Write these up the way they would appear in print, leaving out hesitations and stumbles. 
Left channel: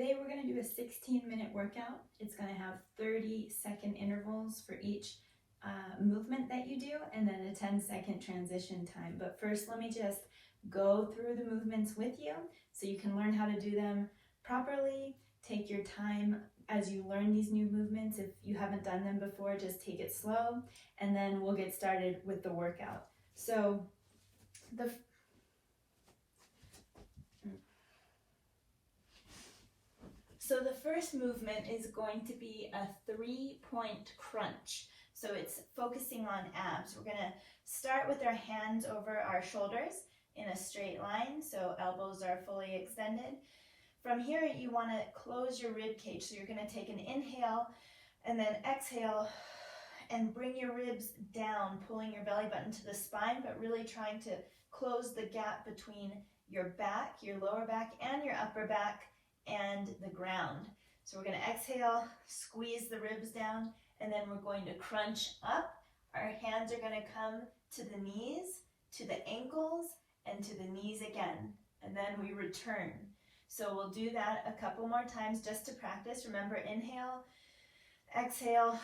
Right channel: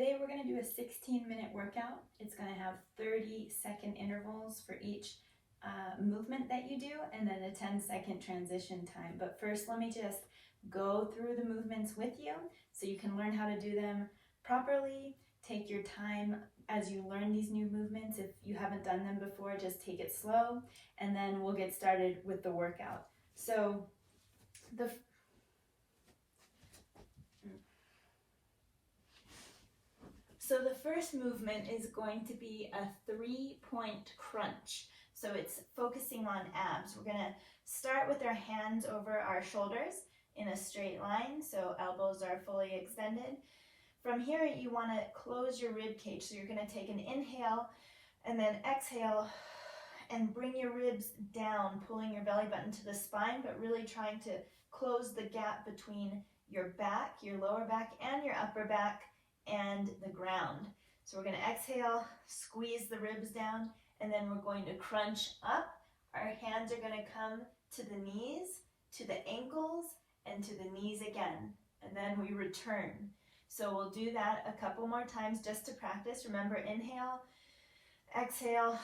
Today we're going to do a 16-minute workout. It's going to have 30-second intervals for each movement that you do, and then a 10-second transition time. But first, let me just go through the movements with you so you can learn how to do them properly. Take your time as you learn these new movements. If you haven't done them before, just take it slow, and then we'll get started with the workout. So the first movement is going to be a 3-point crunch. So it's focusing on abs. We're going to start with our hands over our shoulders in a straight line, so elbows are fully extended. From here, you want to close your rib cage. So you're going to take an inhale and then exhale and bring your ribs down, pulling your belly button to the spine, but really trying to close the gap between your back, your lower back, and your upper back and the ground. So we're going to exhale, squeeze the ribs down, and then we're going to crunch up. Our hands are going to come to the knees, to the ankles, and to the knees again, and then we return. So we'll do that a couple more times just to practice. Remember, inhale, exhale,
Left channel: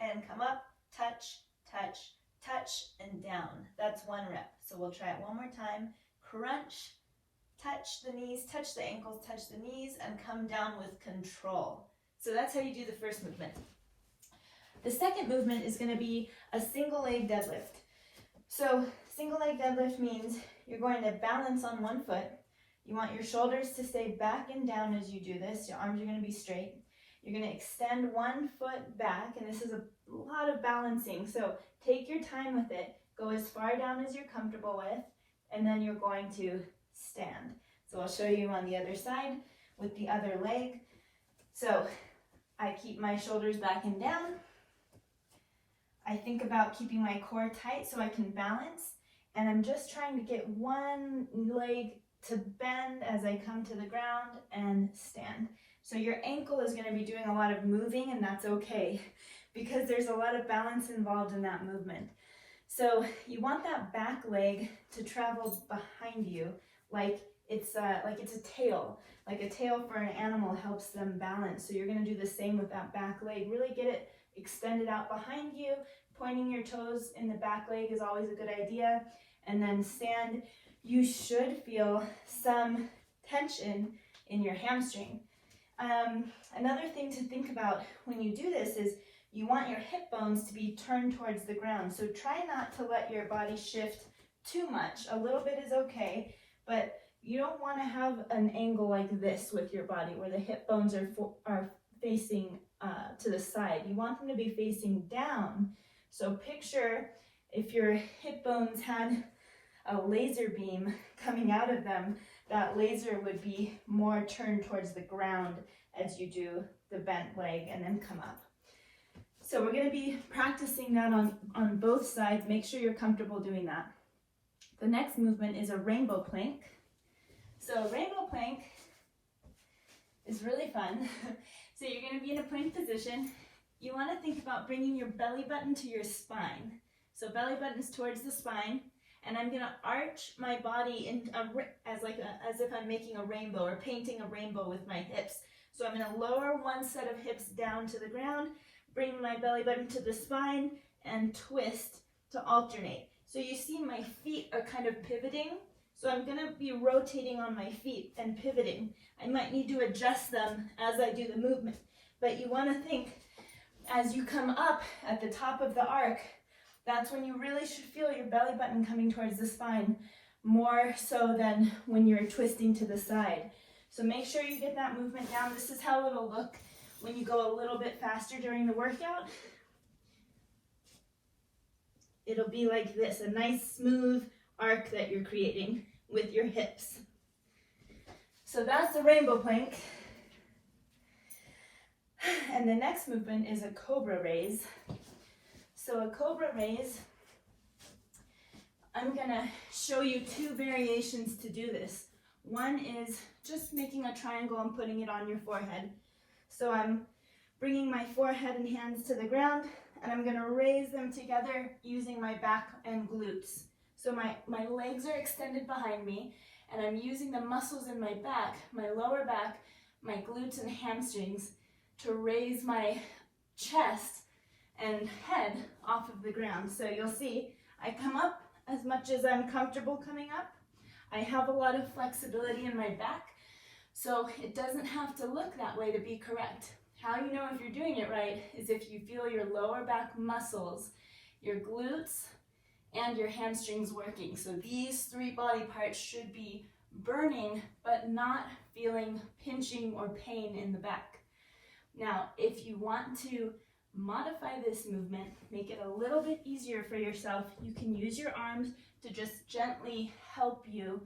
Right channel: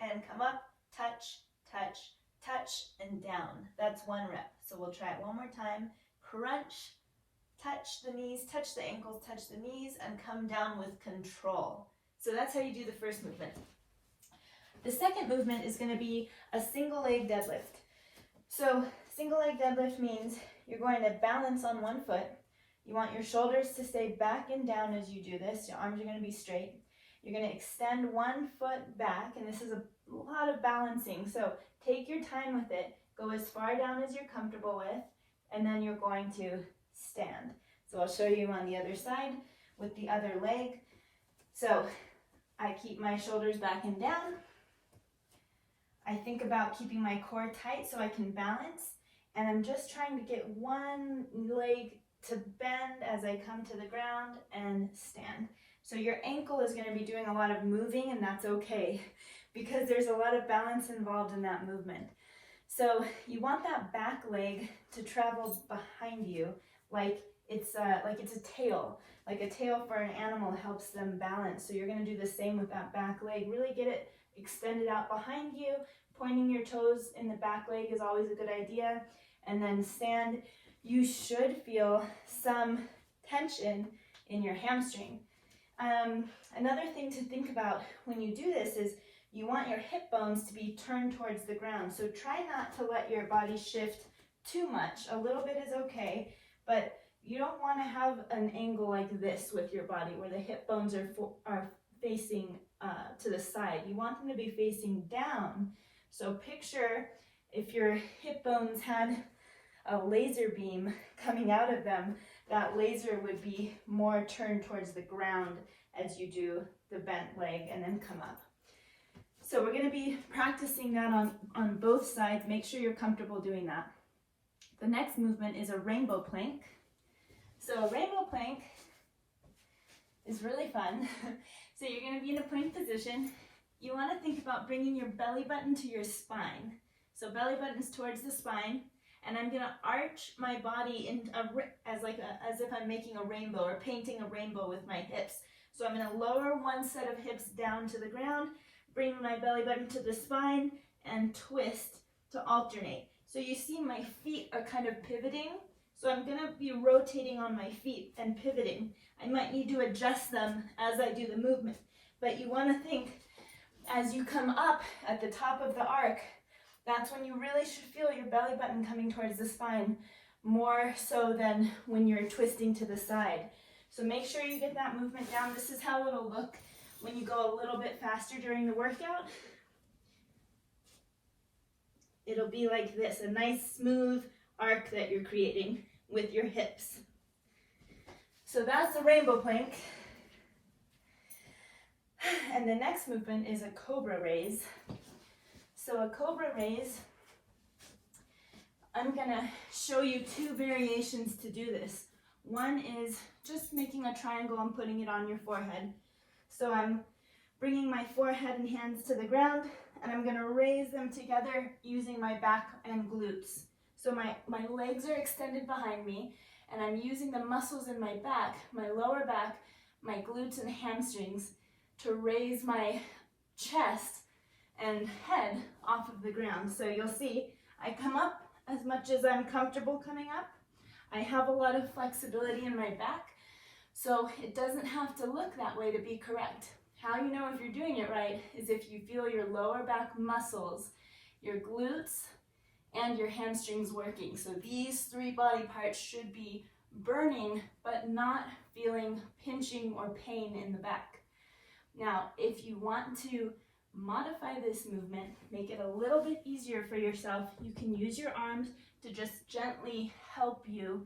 and come up, touch, touch, touch, and down. That's 1 rep. So we'll try it one more time. Crunch, touch the knees, touch the ankles, touch the knees, and come down with control. So that's how you do the first movement. The second movement is going to be a single leg deadlift. So single leg deadlift means you're going to balance on one foot. You want your shoulders to stay back and down as you do this. Your arms are going to be straight. You're going to extend one foot back, and this is a lot of balancing. So take your time with it. Go as far down as you're comfortable with, and then you're going to stand. So I'll show you on the other side with the other leg. So I keep my shoulders back and down. I think about keeping my core tight so I can balance, and I'm just trying to get one leg to bend as I come to the ground and stand. So your ankle is going to be doing a lot of moving, and that's okay because there's a lot of balance involved in that movement. So you want that back leg to travel behind you like it's a tail. Like a tail for an animal helps them balance. So you're going to do the same with that back leg. Really get it extended out behind you. Pointing your toes in the back leg is always a good idea. And then stand. You should feel some tension in your hamstring. Another thing to think about when you do this is you want your hip bones to be turned towards the ground. So try not to let your body shift too much. A little bit is okay, but you don't want to have an angle like this with your body where the hip bones are facing to the side. You want them to be facing down. So picture if your hip bones had a laser beam coming out of them, that laser would be more turned towards the ground as you do the bent leg and then come up. So we're going to be practicing that on both sides. Make sure you're comfortable doing that. The next movement is a rainbow plank. So a rainbow plank is really fun. So you're going to be in a plank position. You want to think about bringing your belly button to your spine. So belly button is towards the spine, and I'm going to arch my body as if I'm making a rainbow or painting a rainbow with my hips. So I'm going to lower one set of hips down to the ground, bring my belly button to the spine, and twist to alternate. So you see my feet are kind of pivoting. So I'm going to be rotating on my feet and pivoting. I might need to adjust them as I do the movement. But you want to think as you come up at the top of the arc, that's when you really should feel your belly button coming towards the spine, more so than when you're twisting to the side. So make sure you get that movement down. This is how it'll look when you go a little bit faster during the workout. It'll be like this, a nice smooth arc that you're creating with your hips. So that's a rainbow plank. And the next movement is a Cobra Raise. So a Cobra Raise, I'm going to show you 2 variations to do this. One is just making a triangle and putting it on your forehead. So I'm bringing my forehead and hands to the ground, and I'm going to raise them together using my back and glutes. So my legs are extended behind me, and I'm using the muscles in my back, my lower back, my glutes and hamstrings to raise my chest and head off of the ground. So you'll see I come up as much as I'm comfortable coming up. I have a lot of flexibility in my back, so it doesn't have to look that way to be correct. How you know if you're doing it right is if you feel your lower back muscles, your glutes, and your hamstrings working. So these three body parts should be burning, but not feeling pinching or pain in the back. Now, if you want to modify this movement, make it a little bit easier for yourself, you can use your arms to just gently help you,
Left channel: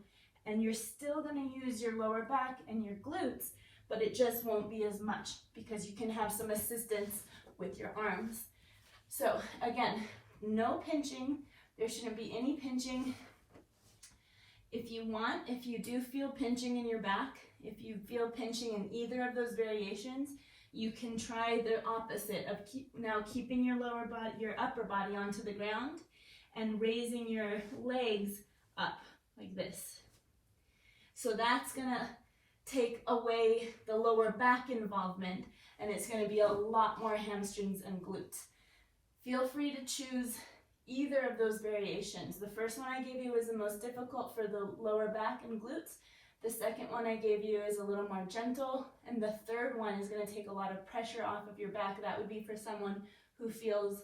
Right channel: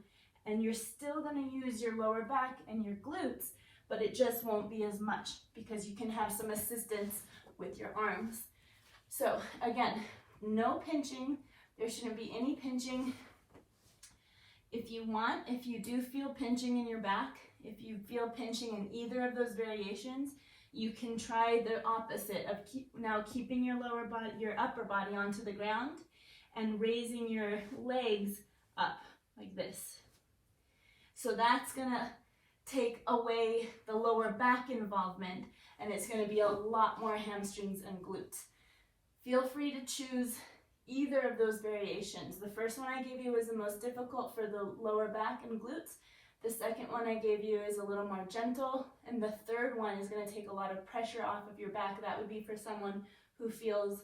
and you're still going to use your lower back and your glutes, but it just won't be as much because you can have some assistance with your arms. So again, no pinching. There shouldn't be any pinching. If you do feel pinching in your back, if you feel pinching in either of those variations, you can try the opposite of keeping your upper body onto the ground and raising your legs up like this. So that's gonna take away the lower back involvement, and it's gonna be a lot more hamstrings and glutes. Feel free to choose either of those variations. The first one I gave you was the most difficult for the lower back and glutes. The second one I gave you is a little more gentle, and the third one is going to take a lot of pressure off of your back. That would be for someone who feels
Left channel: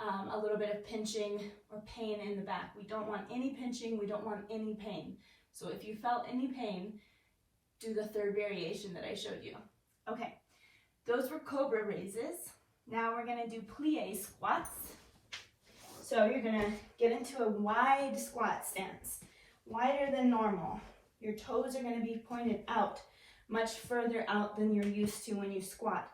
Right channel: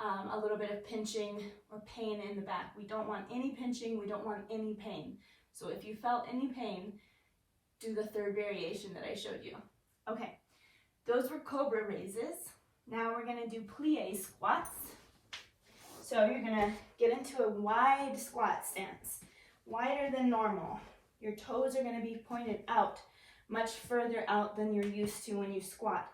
a little bit of pinching or pain in the back. We don't want any pinching, we don't want any pain. So if you felt any pain, do the third variation that I showed you. Okay, those were Cobra Raises. Now we're going to do Plie Squats. So you're going to get into a wide squat stance, wider than normal. Your toes are going to be pointed out, much further out than you're used to when you squat.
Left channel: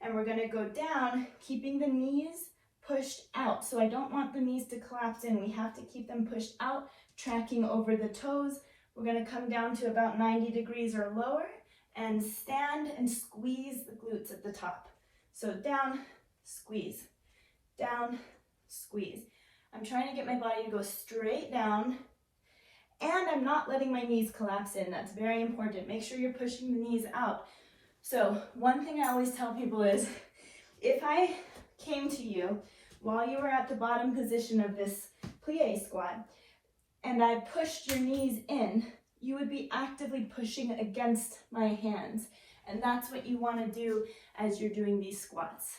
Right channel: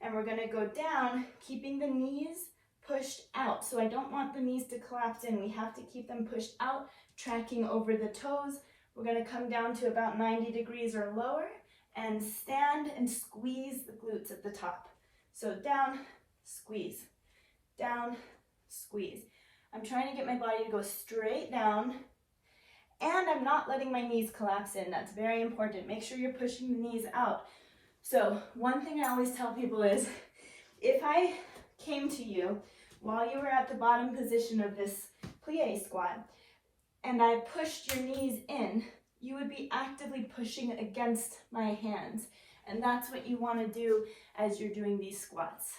And we're going to go down, keeping the knees pushed out. So I don't want the knees to collapse in. We have to keep them pushed out, tracking over the toes. We're going to come down to about 90 degrees or lower and stand and squeeze the glutes at the top. So down, squeeze, down, squeeze. I'm trying to get my body to go straight down, and I'm not letting my knees collapse in. That's very important. Make sure you're pushing the knees out. So one thing I always tell people is, if I came to you while you were at the bottom position of this plie squat, and I pushed your knees in, you would be actively pushing against my hands. And that's what you want to do as you're doing these squats.